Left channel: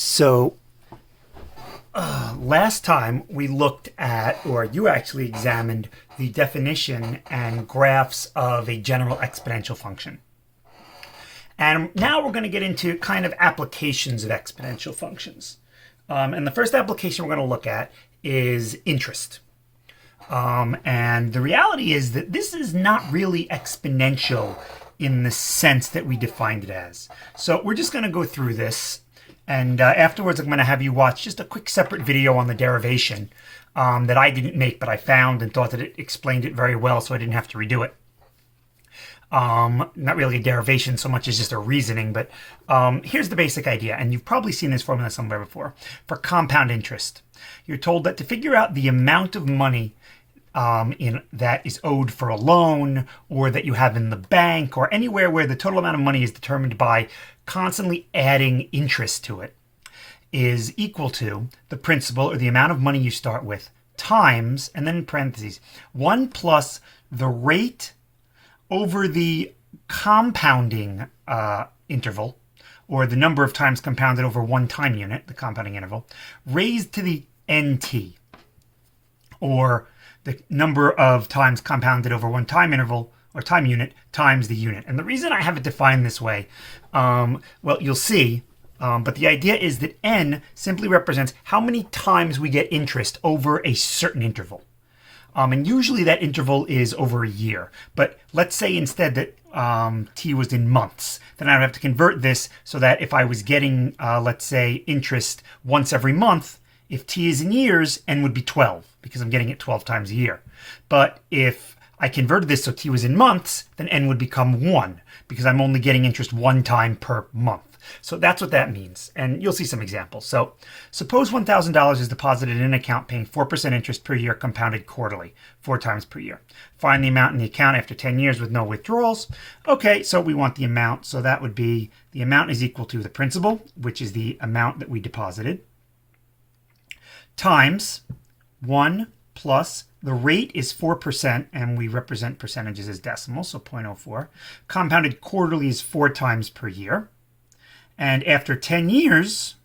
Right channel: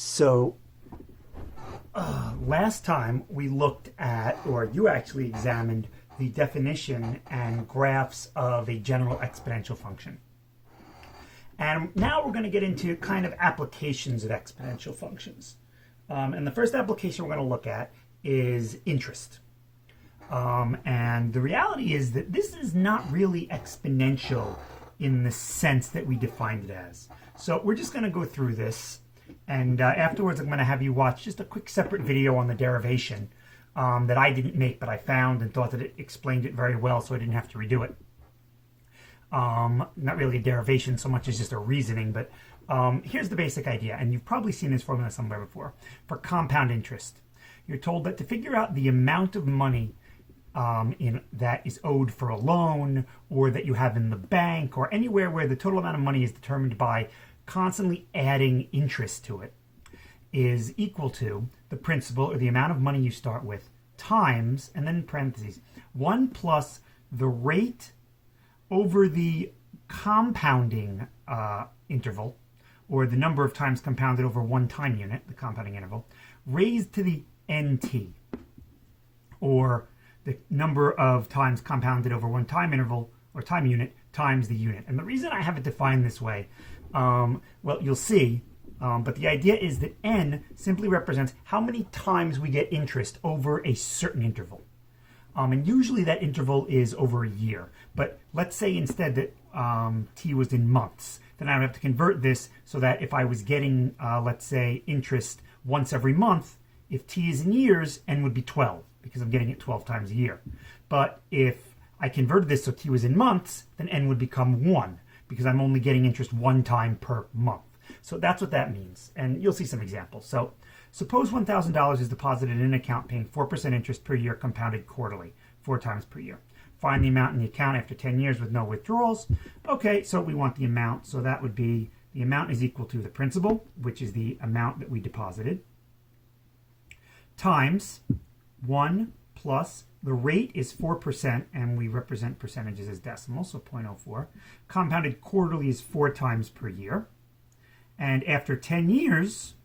So last time we looked at, or you actually examined, the definition and graphs of a general exponential function. And now we're going to get into kind of applications of exponential functions. And the first application we're going to look at is interest. And the reality is that this is not really exponential in the sense that we defined it as. So we're just going to go through this. And afterwards, I'm going to have you watch just a quick separate video on the derivation that I didn't make, but I found and thought that it explained it very well, so I didn't have to redo it. Not really a derivation so much as just a reasoning, but here's the basic idea, and you've probably seen this formula somewhere before. For compound interest, you're told that to figure out the amount of money that is owed for a loan, or that you have in the bank, or anywhere where the total amount of money is determined by constantly adding interest to it, is equal to the principal, or the amount of money you start with, times, and then in parentheses, 1 plus the rate over the compounding interval, or the number of times compounded over one time unit, the compounding interval, raised to the nt, or the number of times compounded over one time interval, or time unit, times the unit. And the reason I have it defined this way, well, you'll see, but the idea is that n simply represents how many times we get interest over a certain interval. And usually that interval is over a year. But let's say instead that t was in months. Then I would have to convert this so that if I was getting, let's say, interest once every month, if t is in years, n would be 12, because I'm getting it 12 times a year. But if I converted this so t was in months, then n would become 1, because I'm only getting interest one time per month. So that's what that means, and you'll see some examples. So suppose $1,000 is deposited in an account paying 4% interest per year, compounded quarterly, 4 times per year. Find the amount in the account after 10 years with no withdrawals. Okay, so we want the amount, so that would be the amount is equal to the principal, which is the amount that we deposited, times 1 plus the rate is 4%, and we represent percentages as decimals, so 0.04. Compounded quarterly is 4 times per year. And after 10 years,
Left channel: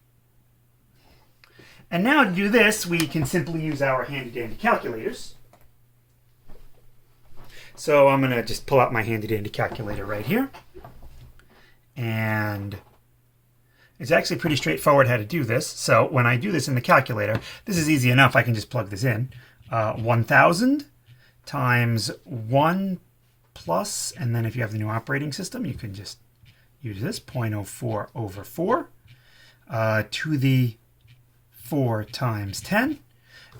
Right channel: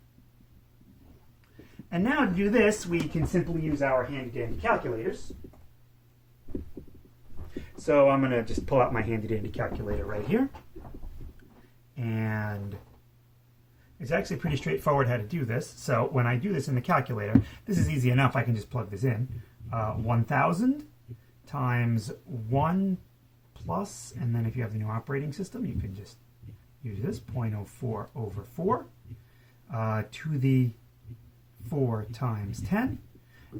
and now to do this, we can simply use our handy-dandy calculators. So I'm going to just pull out my handy-dandy calculator right here. And it's actually pretty straightforward how to do this. So when I do this in the calculator, this is easy enough. I can just plug this in. 1,000 times 1 plus, and then if you have the new operating system, you can just use this, 0.04 over 4 to the 4 times 10.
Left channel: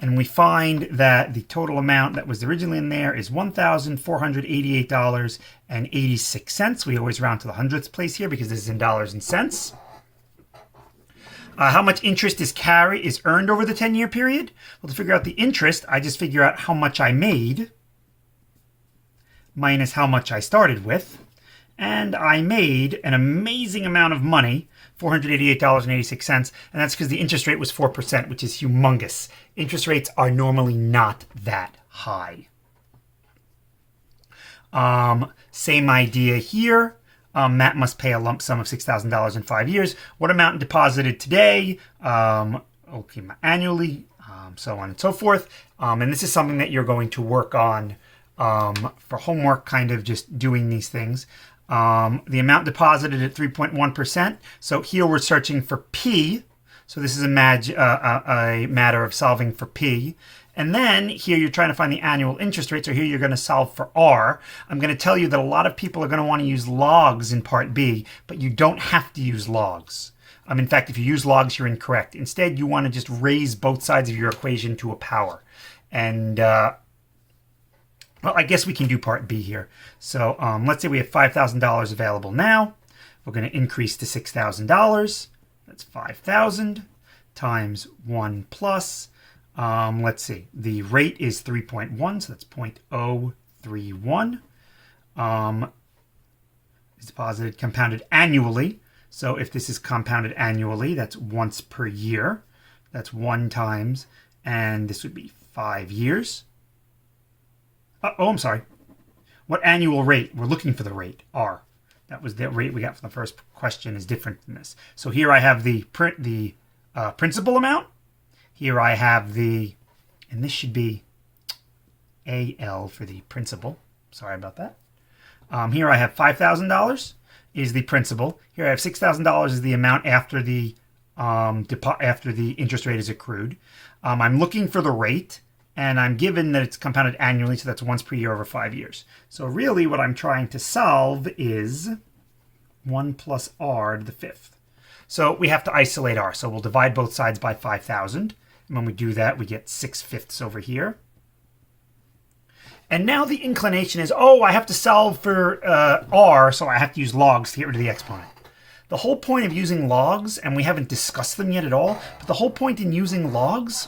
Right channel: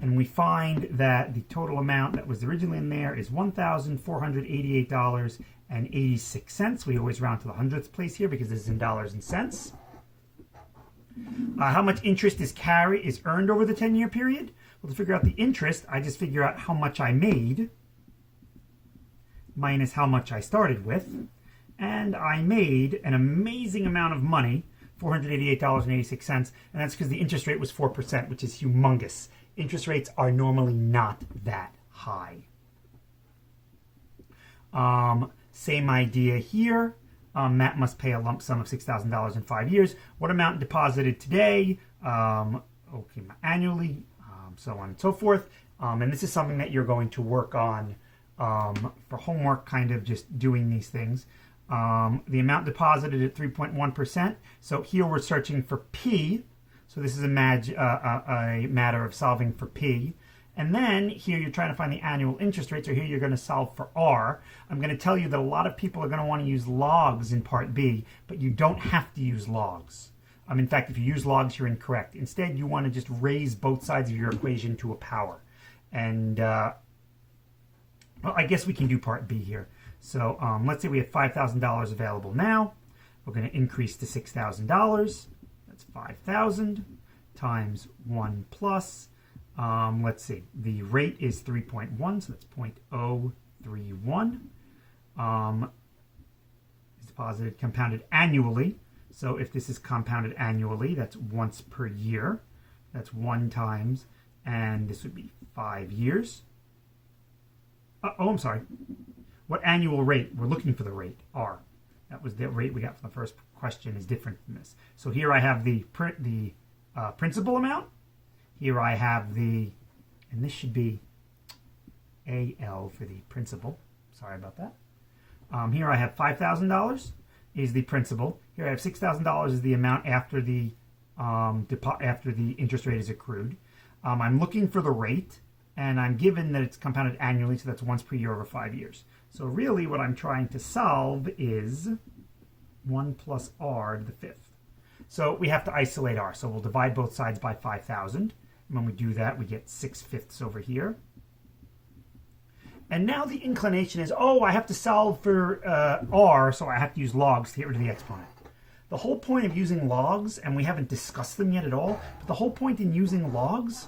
And we find that the total amount that was originally in there is $1,488.86. We always round to the hundredths place here because this is in dollars and cents. How much interest is earned over the 10-year period? Well, to figure out the interest, I just figure out how much I made minus how much I started with. And I made an amazing amount of money, $488.86, and that's because the interest rate was 4%, which is humongous. Interest rates are normally not that high. Same idea here. Matt must pay a lump sum of $6,000 in 5 years. What amount deposited today? Okay, annually, so on and so forth. And this is something that you're going to work on for homework, kind of just doing these things. The amount deposited at 3.1%. So here we're searching for P. So this is a matter of solving for P. And then here you're trying to find the annual interest rate. So here you're going to solve for R. I'm going to tell you that a lot of people are going to want to use logs in part B, but you don't have to use logs. In fact, if you use logs, you're incorrect. Instead, you want to just raise both sides of your equation to a power. And well, I guess we can do part B here. So let's say we have $5,000 available now. We're going to increase to $6,000. That's 5,000 times 1 plus. Let's see. The rate is 3.1, so that's 0.031. It's deposited, compounded annually. So if this is compounded annually, that's once per year. That's 1 times, and this would be 5 years. I'm sorry. What annual rate? We're looking for the rate, R. That was the rate we got from the first question is different than this. So here I have the principal amount. Here I have the, and this should be AL for the principal. Sorry about that. Here I have $5,000 is the principal. Here I have $6,000 is the amount after the interest rate is accrued. I'm looking for the rate, and I'm given that it's compounded annually, so that's once per year over 5 years. So really what I'm trying to solve is 1 plus r to the fifth. So we have to isolate r. So we'll divide both sides by 5,000. And when we do that, we get 6/5 over here. And now the inclination is, oh, I have to solve for r, so I have to use logs to get rid of the exponent. The whole point of using logs, and we haven't discussed them yet at all, but the whole point in using logs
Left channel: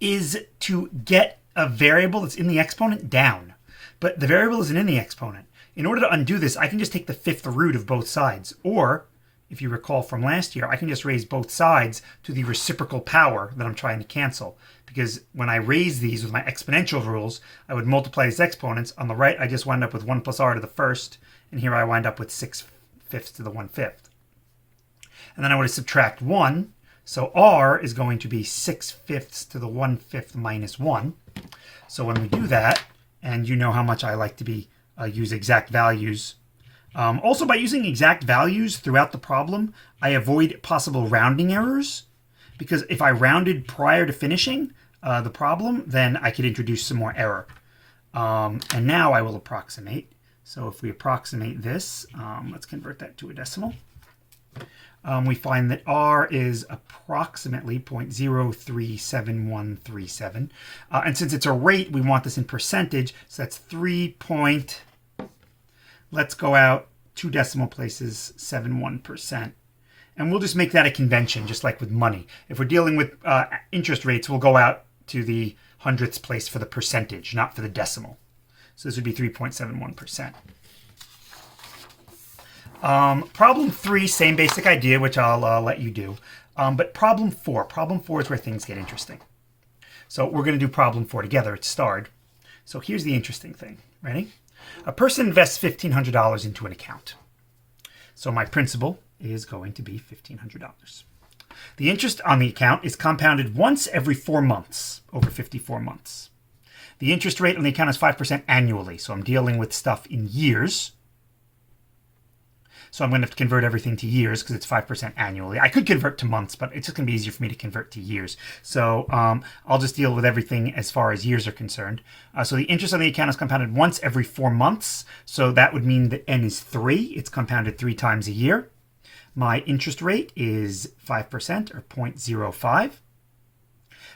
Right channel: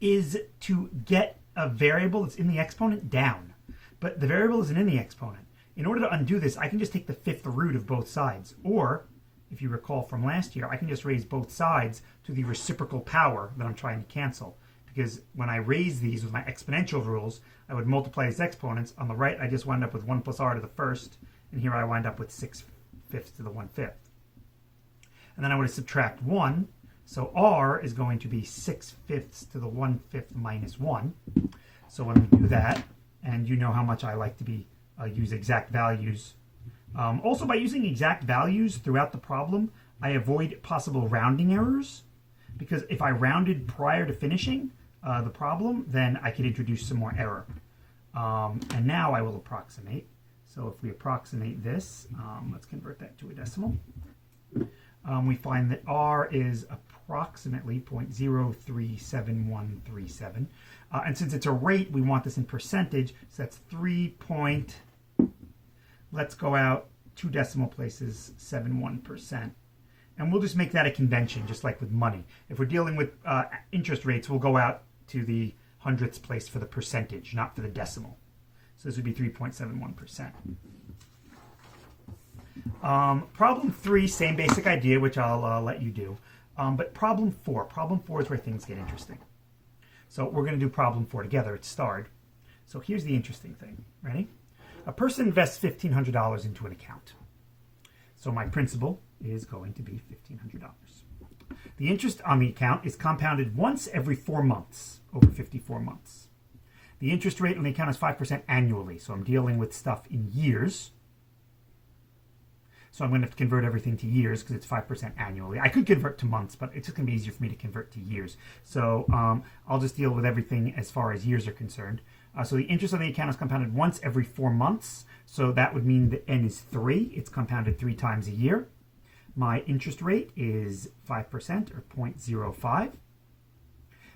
is to get a variable that's in the exponent down. But the variable isn't in the exponent. In order to undo this, I can just take the fifth root of both sides. Or, if you recall from last year, I can just raise both sides to the reciprocal power that I'm trying to cancel. Because when I raise these with my exponential rules, I would multiply these exponents. On the right, I just wind up with 1 plus r to the first. And here I wind up with 6/5 to the 1/5. And then I would subtract 1. So r is going to be 6/5 to the 1/5 minus 1. So when we do that, and you know how much I like to use exact values. Also, by using exact values throughout the problem, I avoid possible rounding errors. Because if I rounded prior to finishing the problem, then I could introduce some more error. And now I will approximate. So if we approximate this, let's convert that to a decimal. We find that r is approximately 0.037137. And since it's a rate, we want this in percentage. So that's 3. Let's go out 2 decimal places, 71%. And we'll just make that a convention, just like with money. If we're dealing with interest rates, we'll go out to the hundredths place for the percentage, not for the decimal. So this would be 3.71%. Problem 3, same basic idea, which I'll let you do. But problem 4 is where things get interesting. So we're going to do problem 4 together. It's starred. So here's the interesting thing. Ready? A person invests $1,500 into an account. So my principal is going to be $1,500. The interest on the account is compounded once every 4 months, over 54 months. The interest rate on the account is 5% annually, so I'm dealing with stuff in years. So I'm going to have to convert everything to years because it's 5% annually. I could convert to months, but it's just going to be easier for me to convert to years. So I'll just deal with everything as far as years are concerned. So the interest on the account is compounded once every 4 months. So that would mean that n is 3. It's compounded 3 times a year. My interest rate is 5% or 0.05.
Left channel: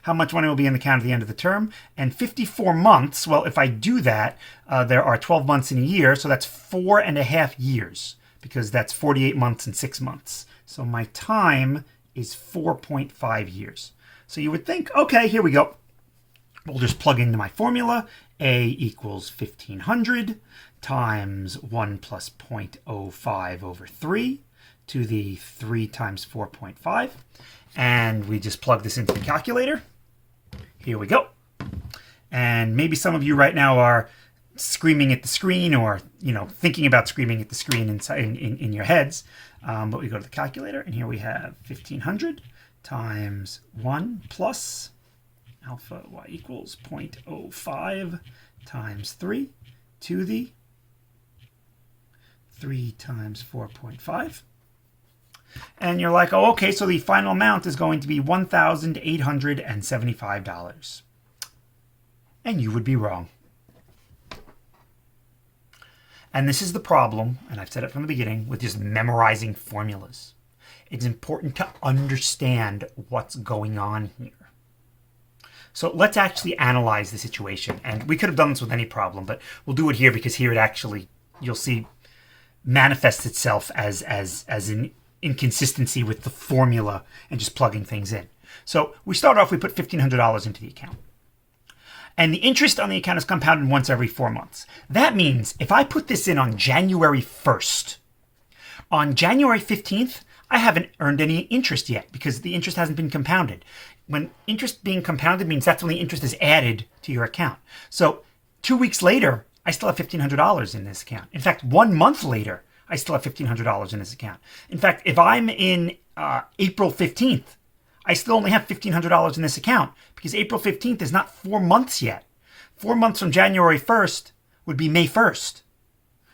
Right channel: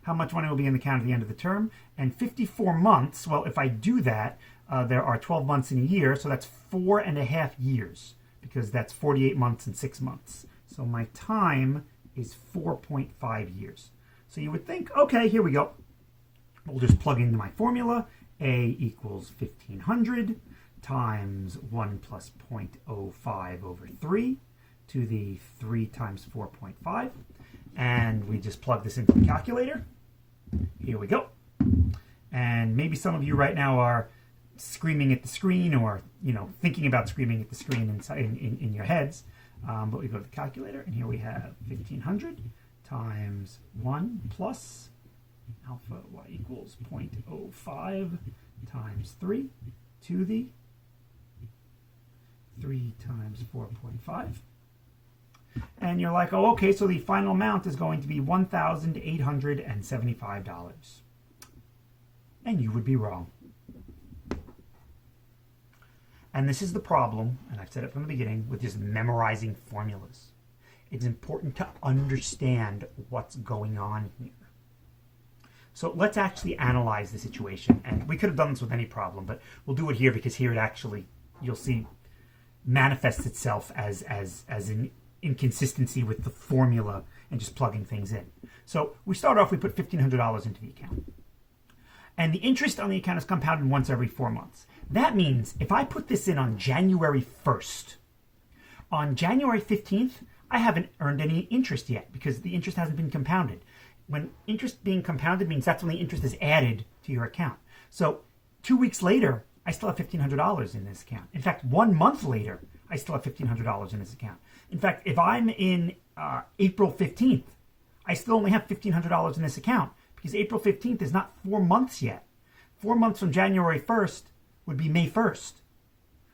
How much money will be in the account at the end of the term? And 54 months, well, if I do that, there are 12 months in a year, so that's 4.5 years. Because that's 48 months and 6 months. So my time is 4.5 years. So you would think, okay, here we go. We'll just plug into my formula. A equals 1,500 times 1 plus 0.05 over 3 to the 3 times 4.5. And we just plug this into the calculator. Here we go. And maybe some of you right now are screaming at the screen, or thinking about screaming at the screen in your heads, but we go to the calculator, and here we have 1,500 times 1 plus alpha y equals 0.05 times 3 to the 3 times 4.5. And you're like, oh, okay, so the final amount is going to be $1,875. And you would be wrong. And this is the problem, and I've said it from the beginning, with just memorizing formulas. It's important to understand what's going on here. So let's actually analyze the situation. And we could have done this with any problem, but we'll do it here because here it actually, you'll see, manifests itself as an inconsistency with the formula and just plugging things in. So we start off, we put $1,500 into the account. And the interest on the account is compounded once every 4 months. That means if I put this in on January 1st, on January 15th, I haven't earned any interest yet because the interest hasn't been compounded. When interest being compounded means that's when the interest is added to your account. So 2 weeks later, I still have $1,500 in this account. In fact, 1 month later, I still have $1,500 in this account. In fact, if I'm in April 15th, I still only have $1,500 in this account because April 15th is not 4 months yet. 4 months from January 1st would be May 1st.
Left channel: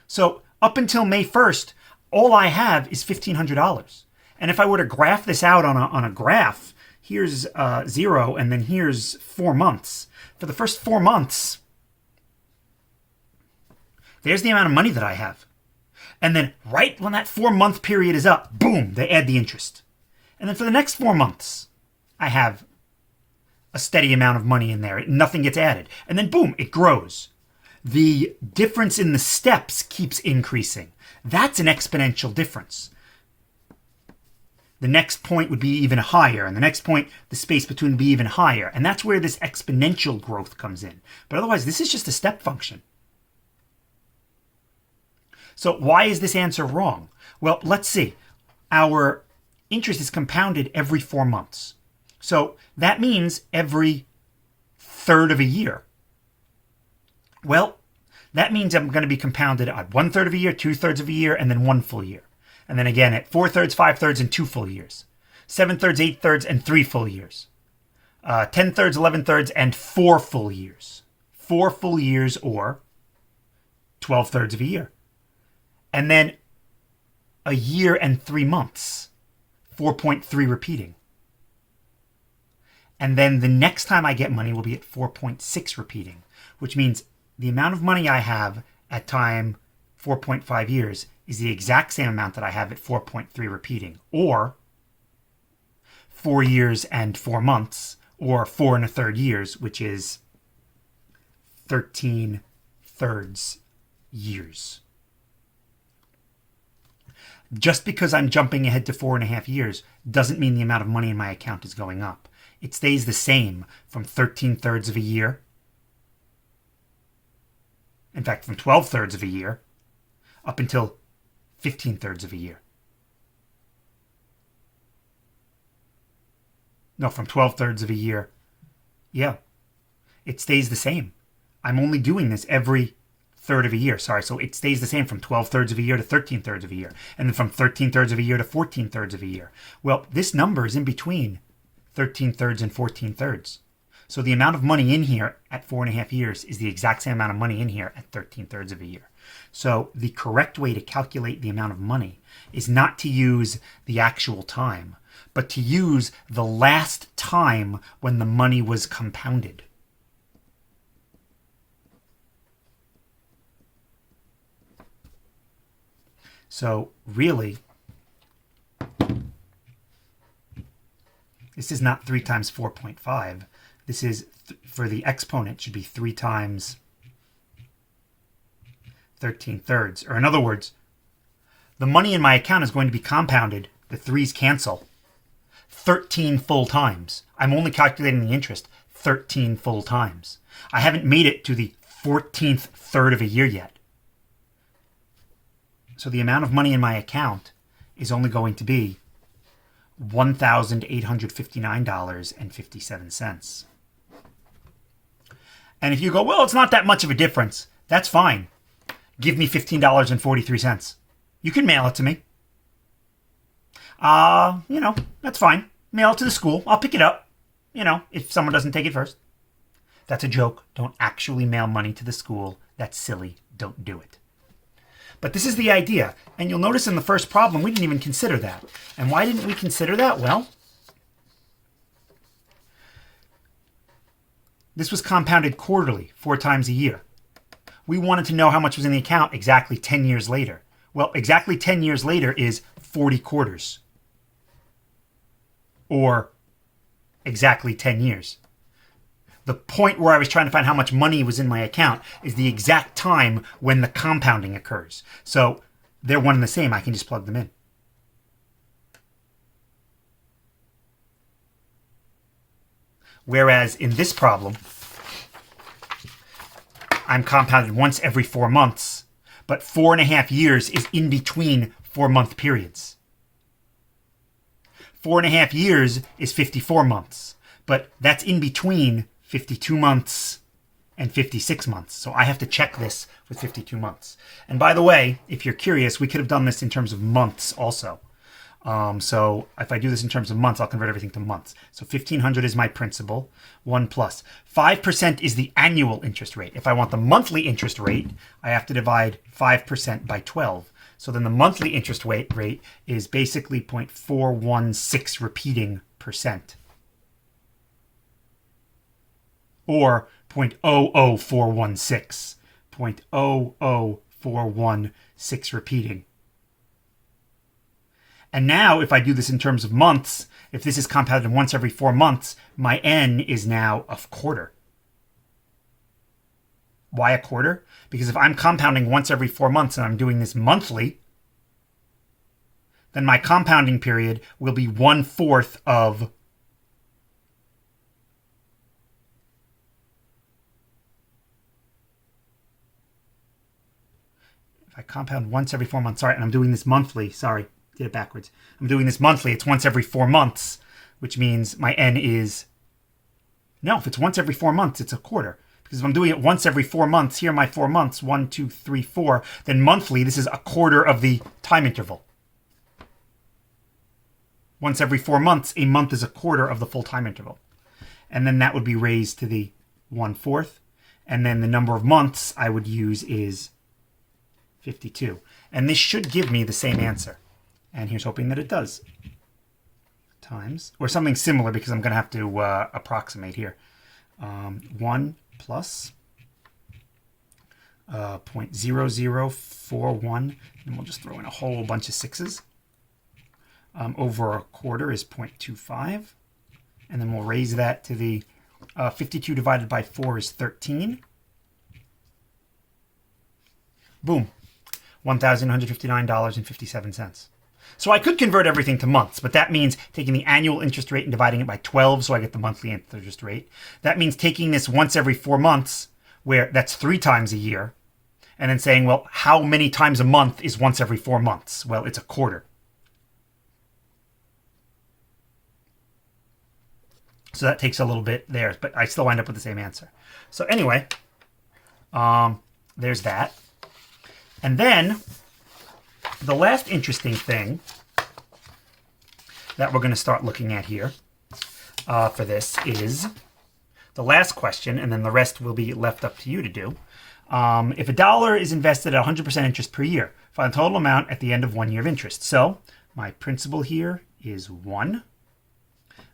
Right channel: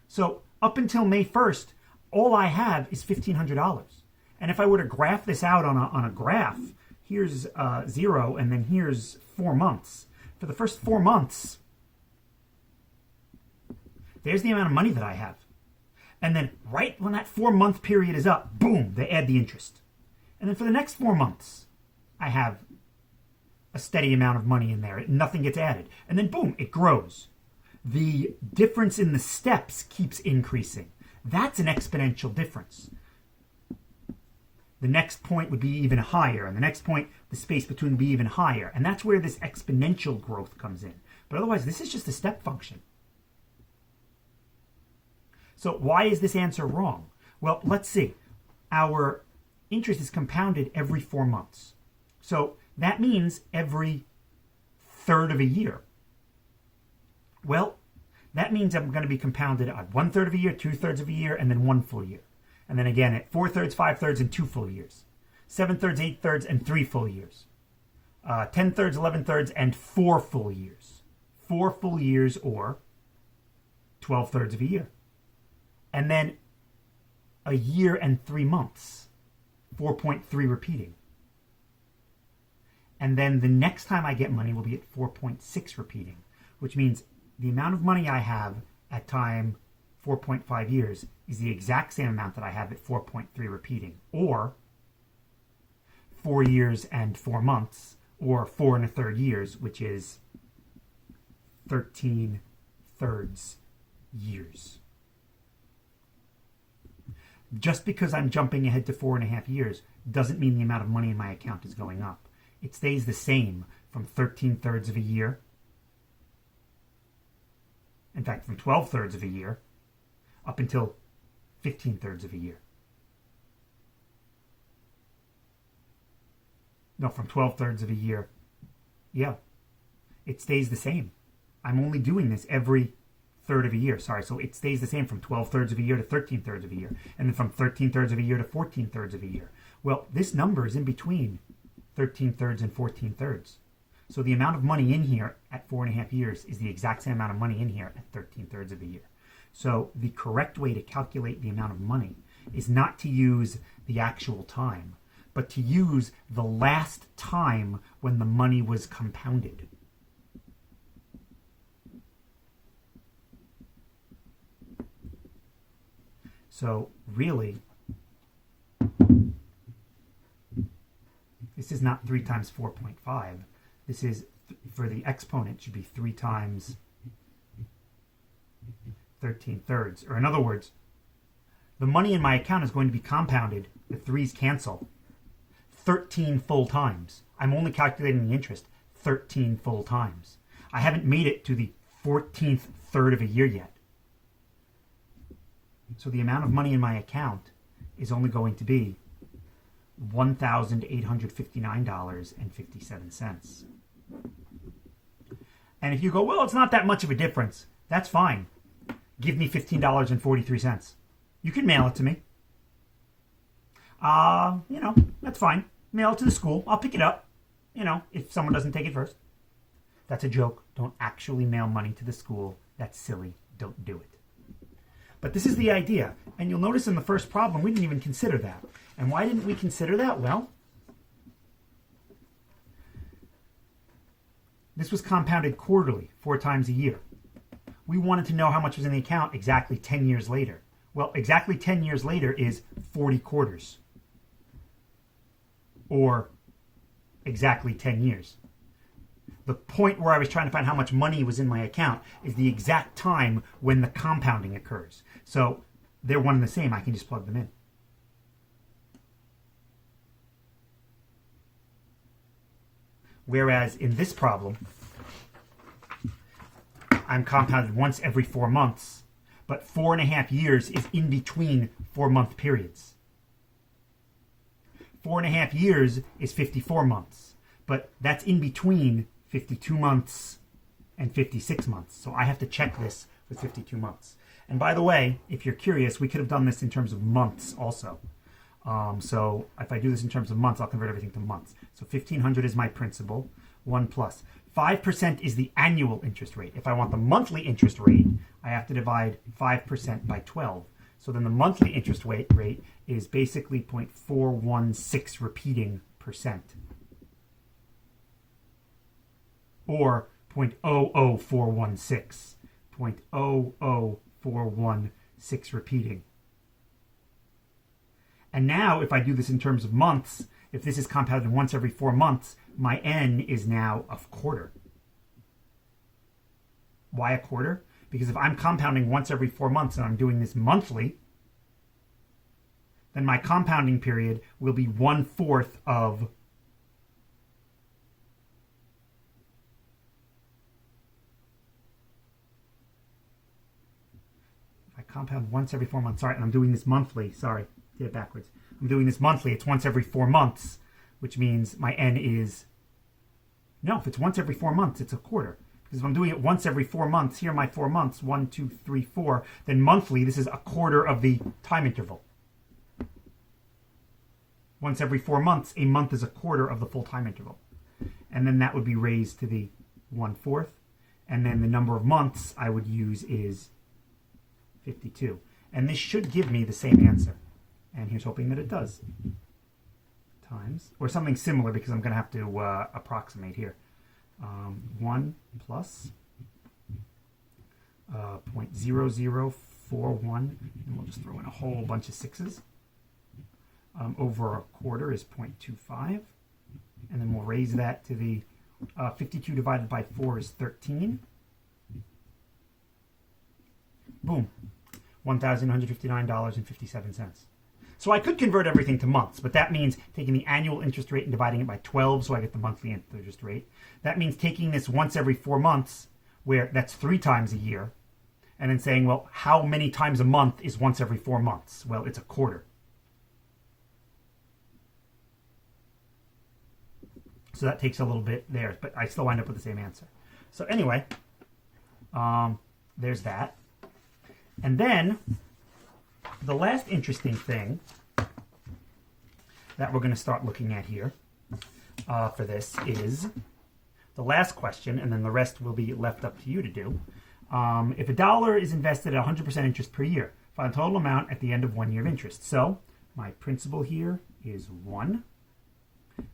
So up until May 1st, all I have is $1,500. And if I were to graph this out on a graph, here's 0 and then here's 4 months. For the first 4 months, there's the amount of money that I have. And then right when that 4-month period is up, boom, they add the interest. And then for the next 4 months, I have a steady amount of money in there. Nothing gets added. And then boom, it grows. The difference in the steps keeps increasing. That's an exponential difference. The next point would be even higher, and the next point, the space between would be even higher. And that's where this exponential growth comes in. But otherwise, this is just a step function. So why is this answer wrong? Well, let's see. Our interest is compounded every 4 months. So that means every third of a year. Well, that means I'm going to be compounded at 1/3 of a year, 2/3 of a year, and then 1 full year. And then again at 4/3, 5/3, and 2 full years. 7/3, 8/3, and 3 full years. 10/3, 11/3, and 4 full years. 4 full years or 12/3 of a year. And then a year and 3 months. 4.3 repeating. And then the next time I get money will be at 4.6 repeating, which means the amount of money I have at time 4.5 years is the exact same amount that I have at 4.3 repeating, or 4 years and 4 months, or 4 1/3 years, which is 13/3 years. Just because I'm jumping ahead to 4.5 years doesn't mean the amount of money in my account is going up. It stays the same from 13/3 of a year. In fact, from 12/3 of a year up until 15/3 of a year. No, from 12/3 of a year. Yeah, it stays the same. I'm only doing this every third of a year. Sorry, so it stays the same from 12/3 of a year to 13/3 of a year, and then from 13/3 of a year to 14/3 of a year. Well, this number is in between 13/3 and 14/3. So the amount of money in here at 4.5 years is the exact same amount of money in here at 13/3 of a year. So the correct way to calculate the amount of money is not to use the actual time, but to use the last time when the money was compounded. So really, this is not 3 times 4.5. This is, for the exponent, should be 3 times 13/3. Or in other words, the money in my account is going to be compounded, the 3's cancel, 13 full times. I'm only calculating the interest 13 full times. I haven't made it to the 14th third of a year yet. So the amount of money in my account is only going to be $1,859.57. And if you go, well, it's not that much of a difference, that's fine. Give me $15.43. You can mail it to me. That's fine. Mail it to the school. I'll pick it up, if someone doesn't take it first. That's a joke. Don't actually mail money to the school. That's silly. Don't do it. But this is the idea. And you'll notice in the first problem, we didn't even consider that. And why didn't we consider that? Well, this was compounded quarterly, 4 times a year. We wanted to know how much was in the account exactly 10 years later. Well, exactly 10 years later is 40 quarters. Or exactly 10 years. The point where I was trying to find how much money was in my account is the exact time when the compounding occurs. So they're one and the same. I can just plug them in. Whereas in this problem, I'm compounded once every 4 months, but 4.5 years is in between 4-month periods. 4.5 years is 54 months, but that's in between 52 months and 56 months. So I have to check this with 52 months. And by the way, if you're curious, we could have done this in terms of months also. So if I do this in terms of months, I'll convert everything to months. So 1,500 is my principal, 1 plus. 5% is the annual interest rate. If I want the monthly interest rate, I have to divide 5% by 12. So then the monthly interest rate is basically 0.416 repeating percent. Or 0.00416. 0.00416 repeating. And now, if I do this in terms of months, if this is compounded once every 4 months, my n is now a quarter. Why a quarter? Because if I'm compounding once every 4 months and I'm doing this monthly, then my compounding period will be 1/4 of if I compound once every 4 months, sorry, and I'm doing this monthly, sorry, did it backwards. I'm doing this monthly, it's once every 4 months, which means my n is, no, if it's once every 4 months, it's a quarter. Because if I'm doing it once every 4 months, here are my 4 months, 1, 2, 3, 4, then monthly, this is a quarter of the time interval. Once every 4 months, a month is a quarter of the full time interval. And then that would be raised to the 1/4. And then the number of months I would use is 52. And this should give me the same answer. And here's hoping that it does. Times, or something similar, because I'm going to have to approximate here. 1 plus 0.0041, and we'll just throw in a whole bunch of sixes. Over a quarter is 0.25. And then we'll raise that to the 52 divided by 4 is 13. Boom. $1,159.57. So I could convert everything to months, but that means taking the annual interest rate and dividing it by 12, so I get the monthly interest rate. That means taking this once every 4 months, where that's 3 times a year, and then saying, well, how many times a month is once every 4 months? Well, it's a quarter. So that takes a little bit there, but I still wind up with the same answer. So anyway, there's that. And then the last interesting thing that we're going to start looking at here for this is the last question, and then the rest will be left up to you to do. If $1 is invested at 100% interest per year, find the total amount at the end of 1 year of interest. So my principal here is 1.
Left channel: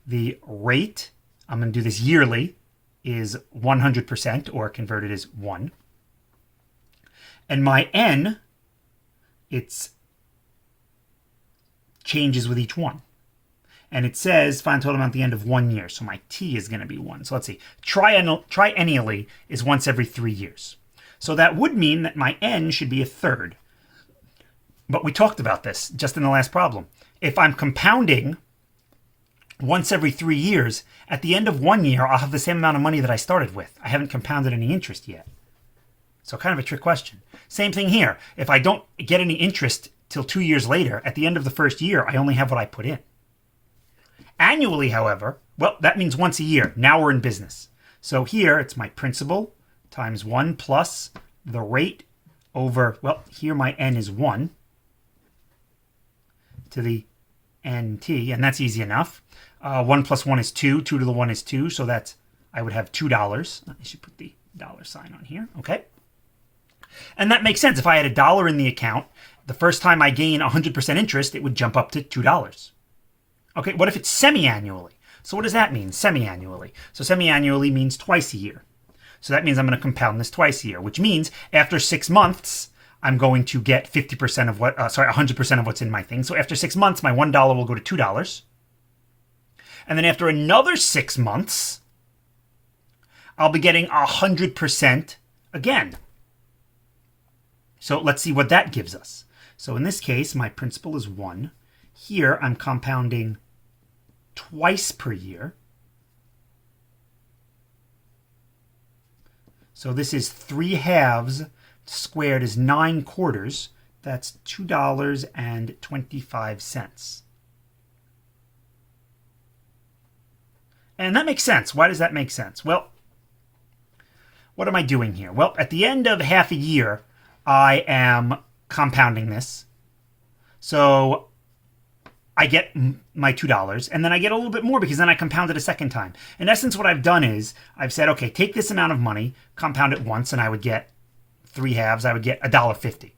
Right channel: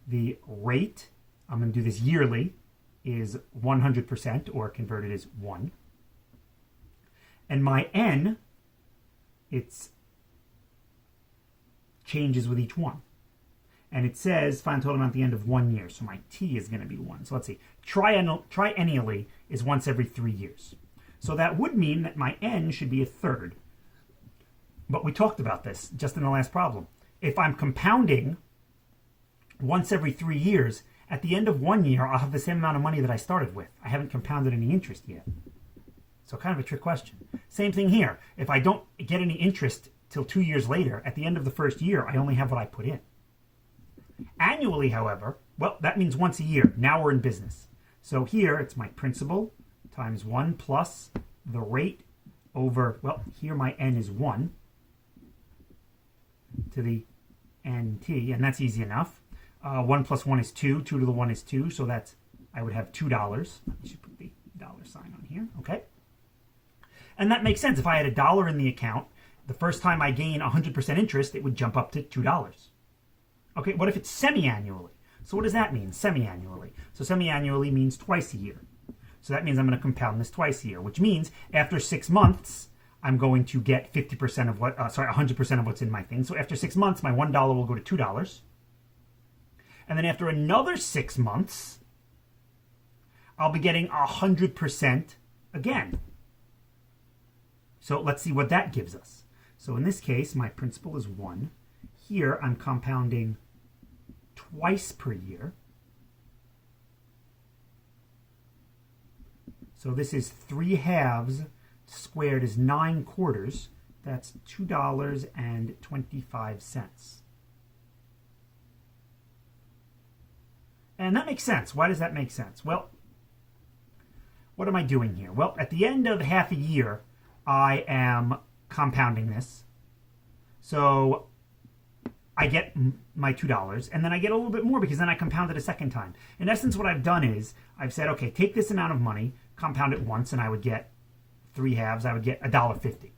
The rate, I'm going to do this yearly, is 100%, or converted is 1. And my n, it's changes with each one. And it says find total amount at the end of 1 year. So my t is going to be 1. So let's see. Triennially is once every 3 years. So that would mean that my n should be a third. But we talked about this just in the last problem. If I'm compounding once every 3 years, at the end of 1 year, I'll have the same amount of money that I started with. I haven't compounded any interest yet. So kind of a trick question. Same thing here. If I don't get any interest till 2 years later, at the end of the first year, I only have what I put in. Annually, however, well, that means once a year. Now we're in business. So here, it's my principal times 1 plus the rate over, well, here my n is 1 to the nt, and that's easy enough. 1 plus 1 is 2. 2 to the 1 is 2, so that's, I would have $2. I should put the $sign on here, okay? And that makes sense. If I had $1 in the account, the first time I gain 100% interest, it would jump up to $2. Okay, what if it's semi-annually? So what does that mean, semi-annually? So semi-annually means twice a year. So that means I'm going to compound this twice a year, which means after 6 months, I'm going to get 50% of what, 100% of what's in my thing. So after 6 months, my $1 will go to $2. And then after another 6 months, I'll be getting 100% again. So let's see what that gives us. So in this case, my principal is 1. Here, I'm compounding twice per year. So this is 3 halves squared is 9 quarters. That's $2.25. And that makes sense. Why does that make sense? Well, what am I doing here? Well, at the end of half a year, I am compounding this. So I get my $2, and then I get a little bit more because then I compound it a second time. In essence, what I've done is I've said, okay, take this amount of money, compound it once, and I would get 3 halves. I would get $1.50.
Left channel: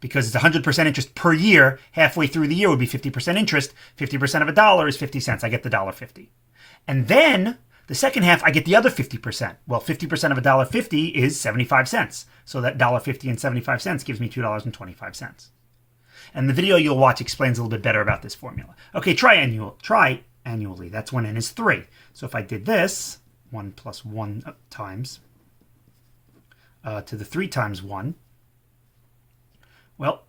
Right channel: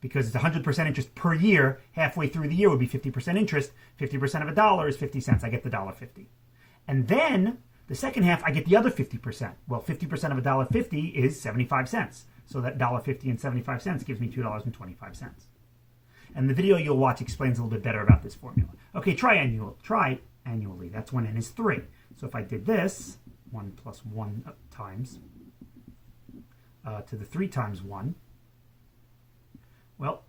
Because it's 100% interest per year, halfway through the year would be 50% interest. 50% of $1 is 50 cents. I get the $1.50. And then the second half, I get the other 50%. Well, 50% of $1.50 is 75 cents. So that $1.50 and 75 cents gives me $2.25. And the video you'll watch explains a little bit better about this formula. Okay, triannually. That's when n is 3. So if I did this, 1 plus 1 times to the 3 times 1, well,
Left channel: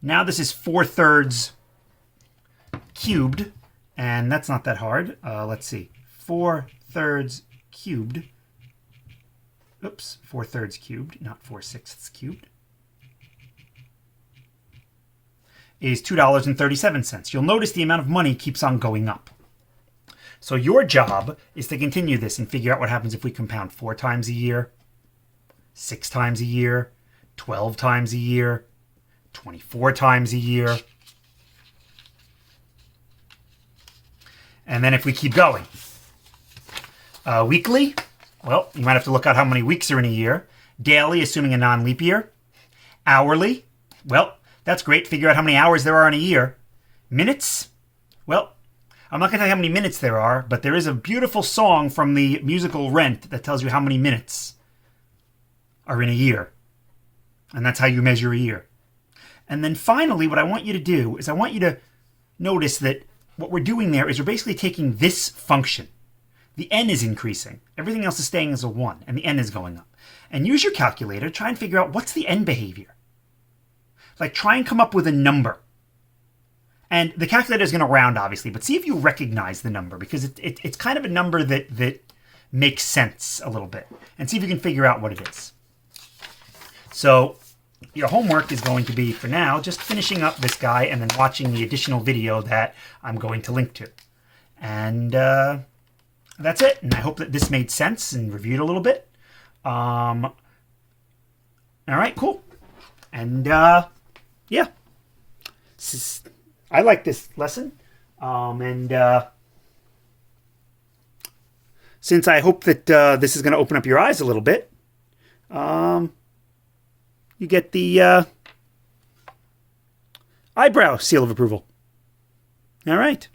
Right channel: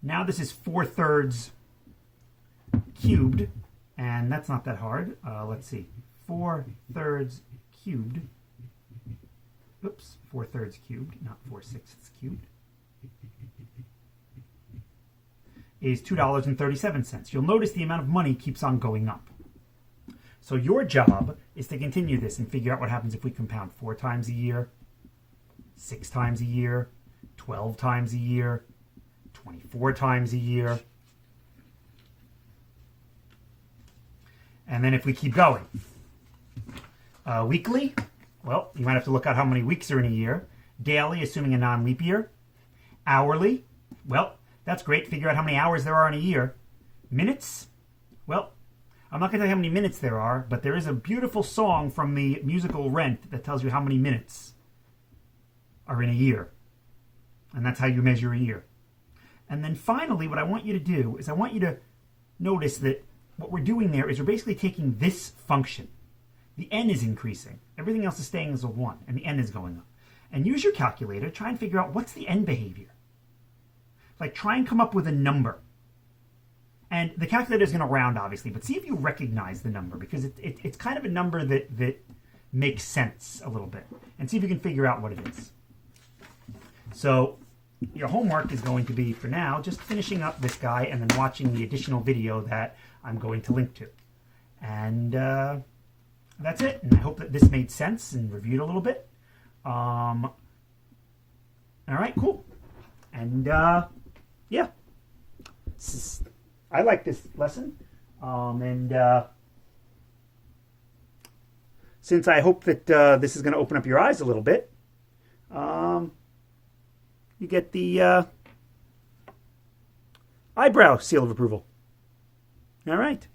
now this is 4/3 cubed, and that's not that hard. Let's see, 4/3 cubed. Oops, 4/3 cubed, not 4/6 cubed, is $2.37. You'll notice the amount of money keeps on going up. So your job is to continue this and figure out what happens if we compound 4 times a year, 6 times a year, 12 times a year, 24 times a year. And then if we keep going. Weekly, well, you might have to look out how many weeks are in a year. Daily, assuming a non-leap year. Hourly, well, that's great. Figure out how many hours there are in a year. Minutes, well, I'm not going to tell you how many minutes there are, but there is a beautiful song from the musical Rent that tells you how many minutes are in a year. And that's how you measure a year. And then finally, what I want you to do is I want you to notice that what we're doing there is we're basically taking this function. The n is increasing. Everything else is staying as a 1, and the n is going up. And use your calculator, try and figure out what's the n behavior. Like, try and come up with a number. And the calculator is going to round, obviously, but see if you recognize the number, because it's kind of a number that makes sense a little bit. And see if you can figure out what it is. So your homework is going to be, for now, just finishing up this guy and then watching the additional video that I'm going to link to. And that's it. And I hope that this made sense and reviewed a little bit. All right, cool. And yeah, I like this lesson. Since I hope that this is going to open up your eyes a little bit, you get the eyebrow seal of approval. All right.